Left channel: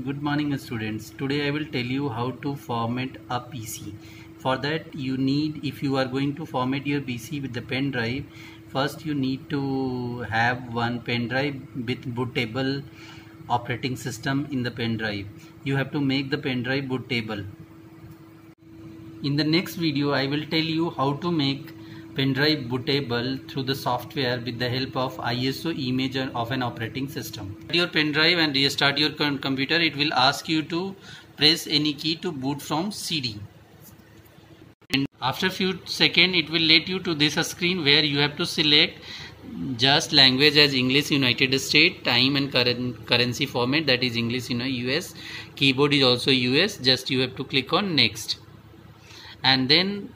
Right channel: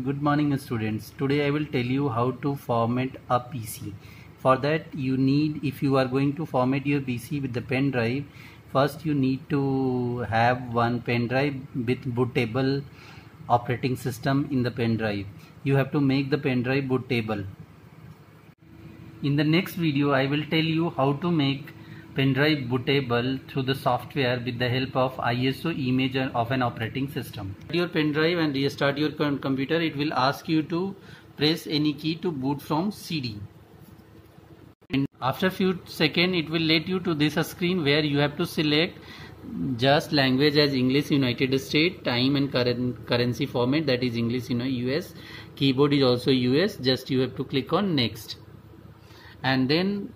Good morning students. Today I will tell you how to format a PC. For that you need, if you are going to format your PC with the pen drive, first you need to have one pen drive with bootable operating system in the pen drive. You have to make the pen drive bootable. In the next video I will tell you how to make pen drive bootable through the software with the help of ISO image of an operating system. Your pen drive and restart your computer. It will ask you to press any key to boot from CD. And after few seconds it will let you to this screen where you have to select just language as English United States, time and currency format, that is English US, keyboard is also US. Just you have to click on next, and then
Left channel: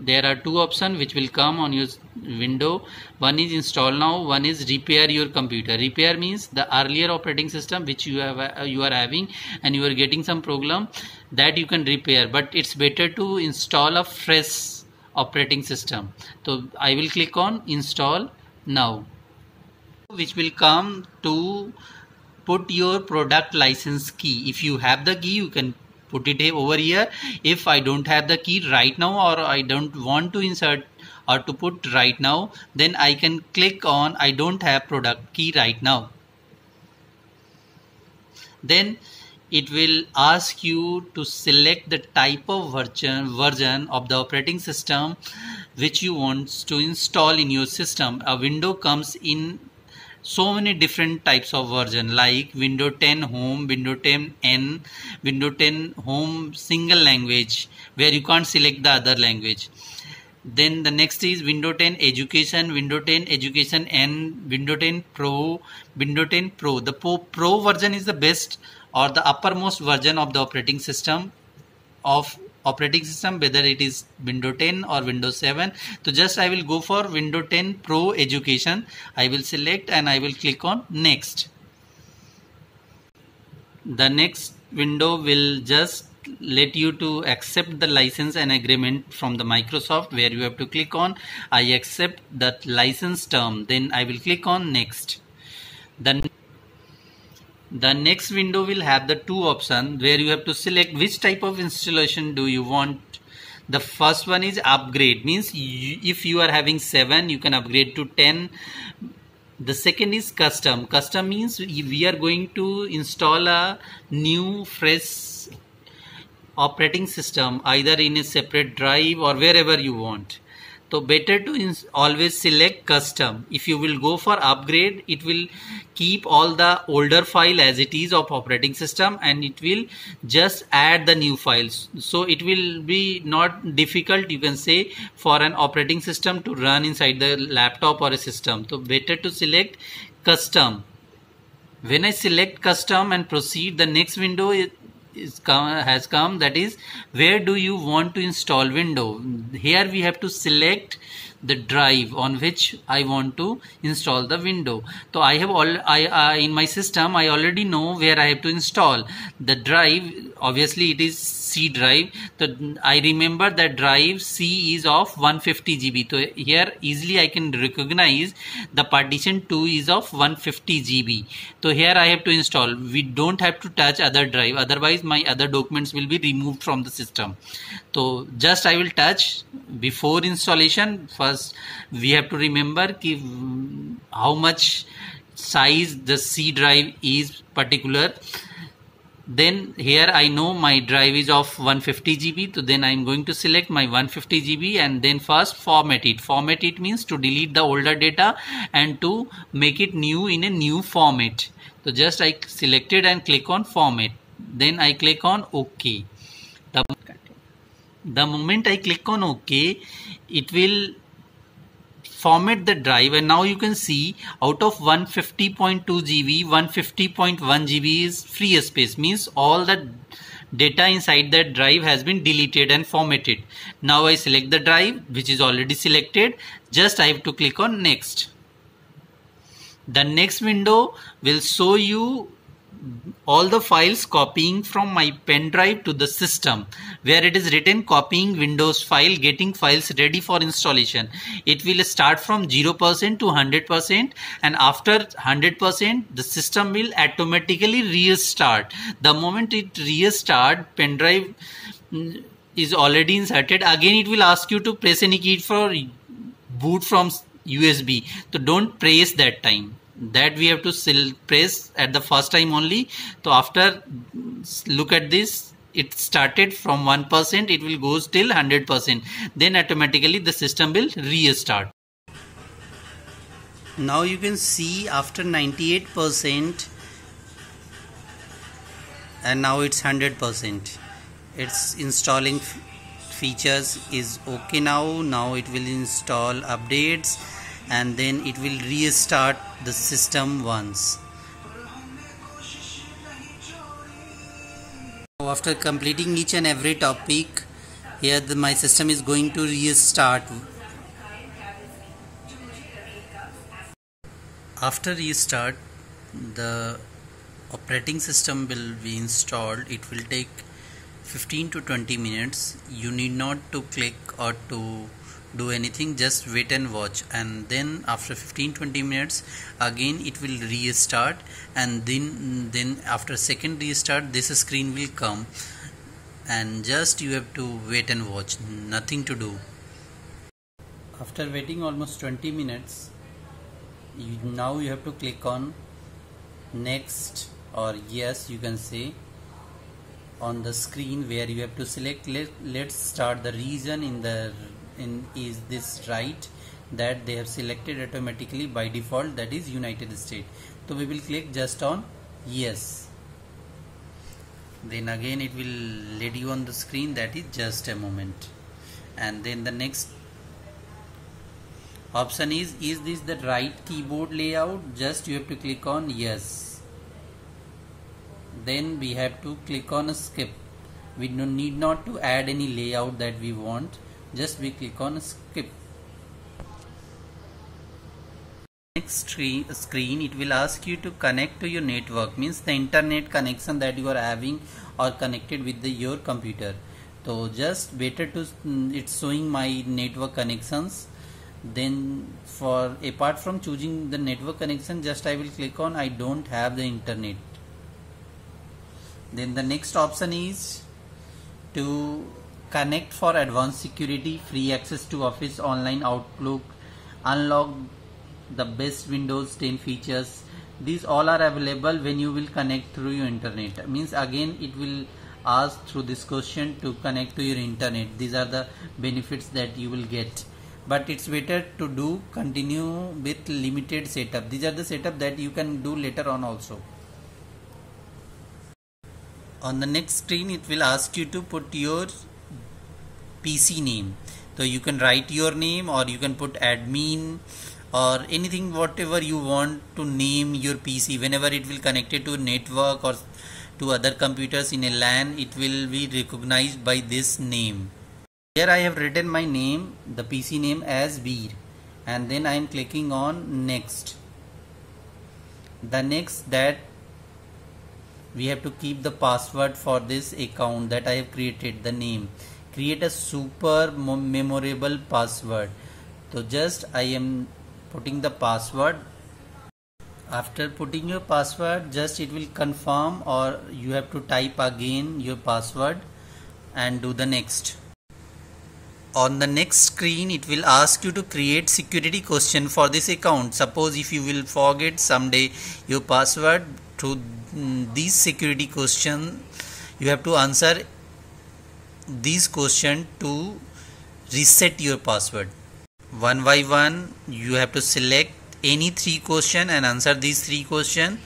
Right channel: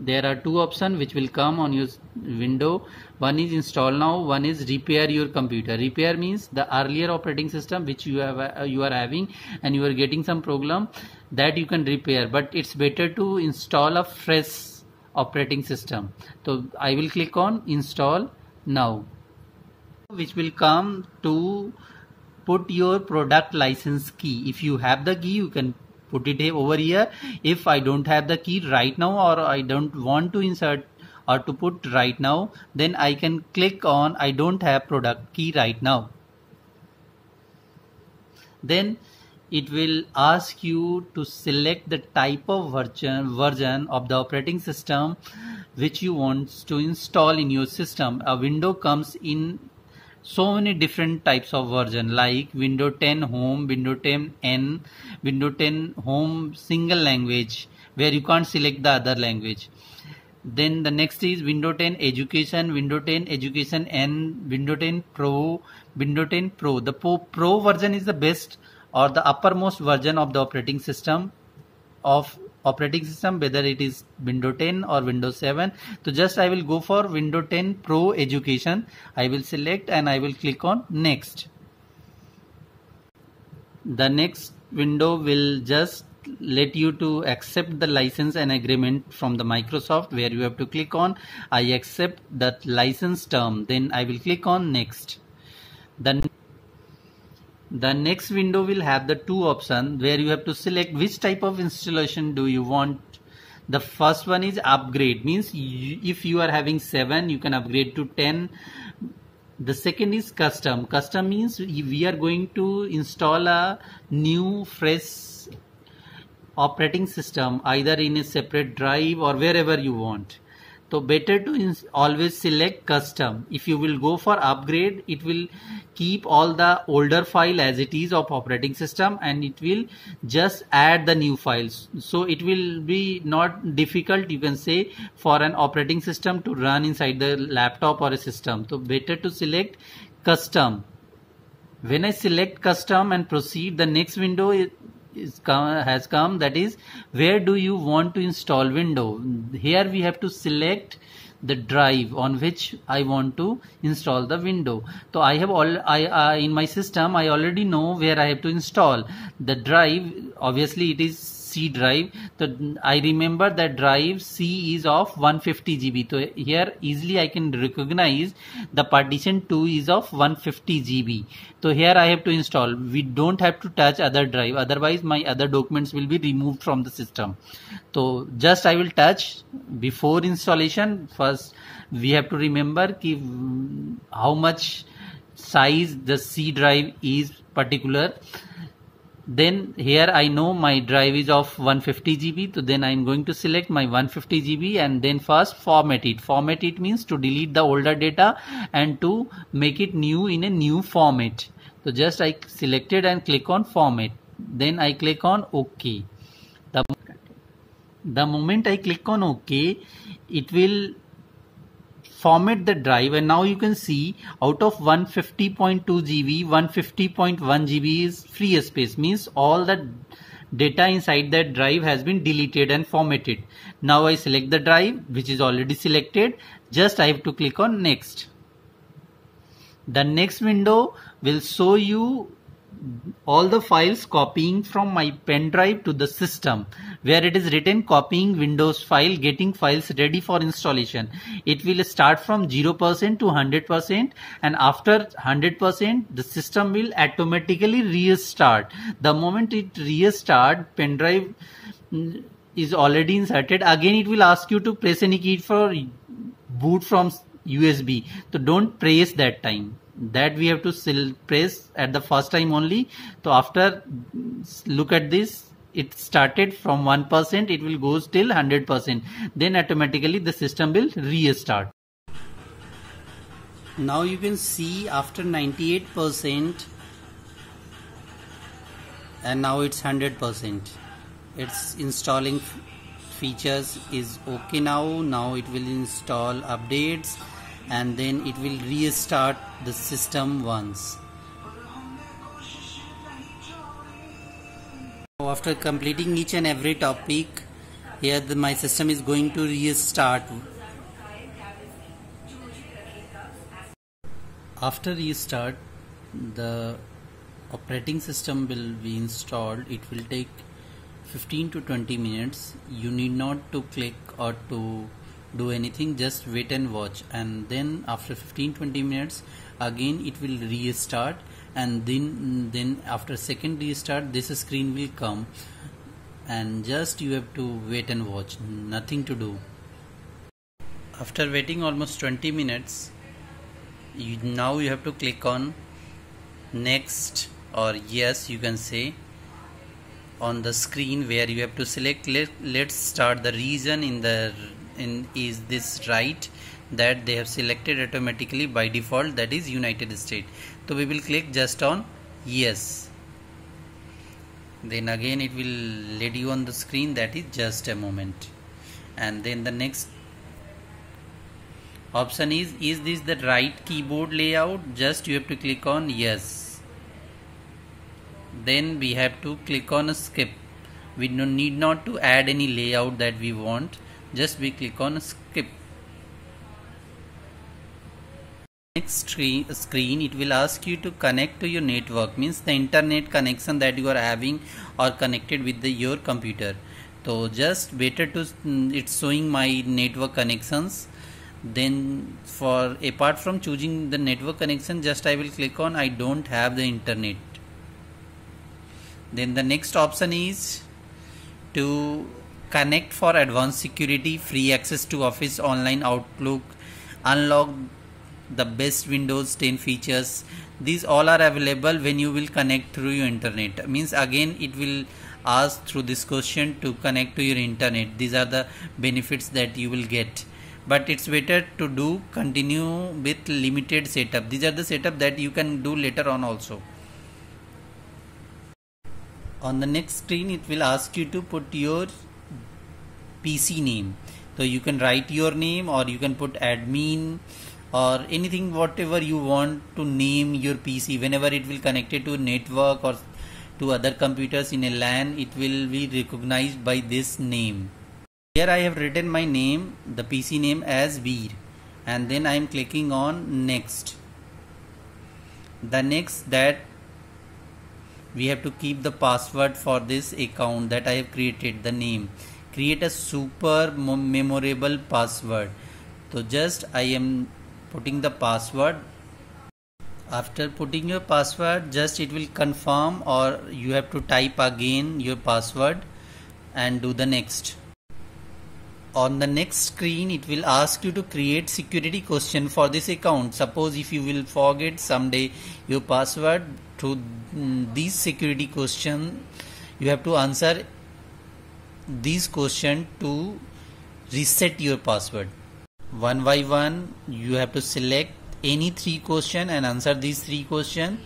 there are two options which will come on your window. One is install now, one is repair your computer. Repair means the earlier operating system which you are having and you are getting some problem, that you can repair, but it's better to install a fresh operating system. So I will click on install now, which will come to put your product license key. If you have the key you can put it over here. If I don't have the key right now, or I don't want to insert or to put right now, then I can click on I don't have product key right now. Then it will ask you to select the type of version of the operating system which you want to install in your system. A window comes in so many different types of version, like Windows 10 Home, Windows 10 N, Windows 10 Home single language, where you can't select the other language. Then the next is Windows 10 Education, Windows 10 Education N, Windows 10 Pro, Windows 10 Pro. The Pro version is the best or the uppermost version of the operating system, whether it is Windows 10 or Windows 7. So just I will go for Windows 10 Pro Education. I will select and I will click on next. The next window will just let you to accept the license and agreement from the Microsoft, where you have to click on I accept that license term. Then I will click on next. The next window will have the two options where you have to select which type of installation do you want. The first one is upgrade, means if you are having 7 you can upgrade to 10. The second is custom. Custom means we are going to install a new fresh operating system either in a separate drive or wherever you want. So better to always select custom. If you will go for upgrade, it will keep all the older file as it is of operating system and it will just add the new files. So it will be not difficult, you can say, for an operating system to run inside the laptop or a system. So better to select custom. When I select custom and proceed, the next window has come, that is where do you want to install window. Here we have to select the drive on which I want to install the window. So I have in my system I already know where I have to install the drive. Obviously it is C drive. So I remember that drive C is of 150 GB. So here easily I can recognize the partition 2 is of 150 GB. So here I have to install. We don't have to touch other drive, otherwise my other documents will be removed from the system. So just I will touch before installation. First we have to remember how much size the C drive is particular. Then here I know my drive is of 150 GB. So then I am going to select my 150 GB and then first format it. Format it means to delete the older data and to make it new in a new format. So just I selected and click on format. Then I click on OK. The moment I click on OK, it will format the drive, and now you can see out of 150.2 GB, 150.1 GB is free space, means all the data inside that drive has been deleted and formatted. Now I select the drive which is already selected. Just I have to click on next. The next window will show you all the files copying from my pen drive to the system, where it is written copying Windows file, getting files ready for installation. It will start from 0% to 100%, and after 100% the system will automatically restart. The moment it restart, pen drive is already inserted. Again it will ask you to press any key for boot from USB. So don't press that time. That we have to press at the first time only. So after, look at this, it started from 1%, it will go till 100%. Then automatically the system will restart. Now you can see after 98%, and now it's 100%. It's installing features is okay now. Now it will install updates, and then it will restart the system once. Now after completing each and every topic, here my system is going to restart. After restart, the operating system will be installed. It will take 15 to 20 minutes. You need not to click or to do anything, just wait and watch, and then after 15-20 minutes again it will restart, and then after second restart this screen will come, and just you have to wait and watch, nothing to do. After waiting almost 20 minutes, now you have to click on next or yes, you can say, on the screen, where you have to select let's start the region is this right, that they have selected automatically by default, that is United States. So we will click just on yes. Then again it will let you on the screen, that is just a moment. And then the next option is this the right keyboard layout? Just you have to click on yes. Then we have to click on skip. We need not to add any layout that we want, just we click on skip. Next screen it will ask you to connect to your network, means the internet connection that you are having or connected with your computer. So just better to it's showing my network connections. Then for apart from choosing the network connection, just I will click on I don't have the internet. Then the next option is to connect for advanced security, free access to Office, online Outlook, unlock the best Windows 10 features. These all are available when you will connect through your internet. Means again it will ask through this question to connect to your internet. These are the benefits that you will get. But it's better to continue with limited setup. These are the setup that you can do later on also. On the next screen it will ask you to put your PC name. So you can write your name, or you can put admin or anything, whatever you want to name your PC. Whenever it will connect it to network or to other computers in a LAN, it will be recognized by this name. Here I have written my name, the PC name, as Veer, and then I am clicking on next. The next, that we have to keep the password for this account that I have created, the name. Create a super memorable password. So just I am putting the password. After putting your password, just it will confirm, or you have to type again your password and do the next. On the next screen it will ask you to create security question for this account. Suppose if you will forget someday your password, to these security question you have to answer these question to reset your password. One by one you have to select any 3 question and answer these 3 question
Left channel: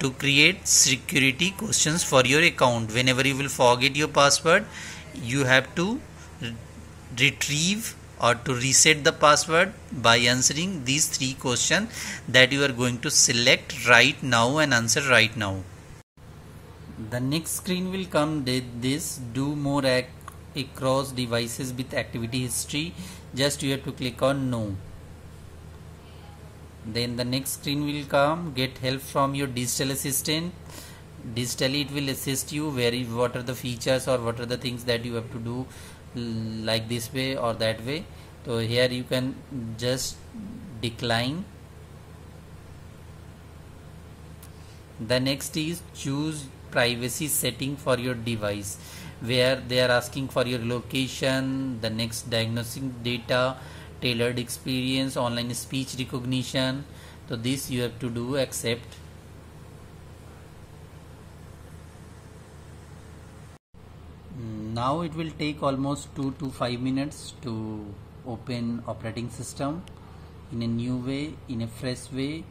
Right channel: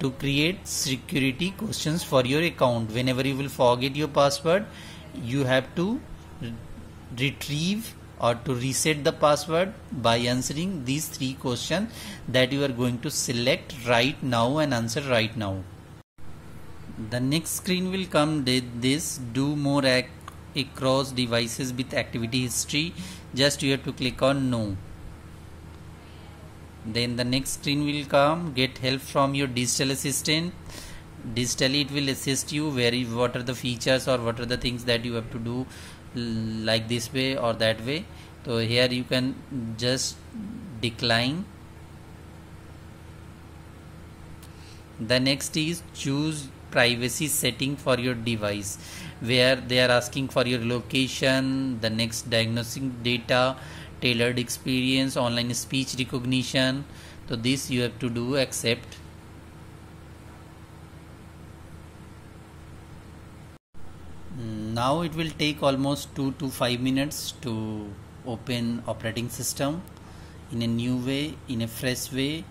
to create security questions for your account. Whenever you will forget your password, you have to retrieve or to reset the password by answering these 3 questions that you are going to select right now and answer right now. The next screen will come with this do more across devices with activity history. Just you have to click on no. Then the next screen will come, get help from your digital assistant. Digitally it will assist you what are the features or what are the things that you have to do, like this way or that way. So here you can just decline. The next is choose privacy setting for your device, where they are asking for your location, the next diagnostic data, tailored experience, online speech recognition. So this you have to do accept. Now it will take almost 2 to 5 minutes to open operating system in a new way, in a fresh way.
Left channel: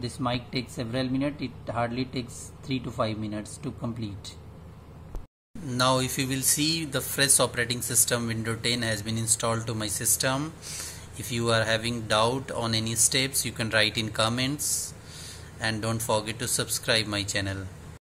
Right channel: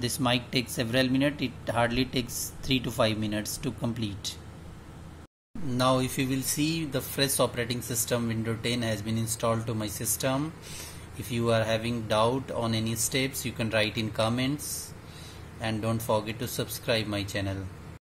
This might take several minutes. It hardly takes 3 to 5 minutes to complete. Now if you will see, the fresh operating system Windows 10 has been installed to my system. If you are having doubt on any steps, you can write in comments, and don't forget to subscribe my channel.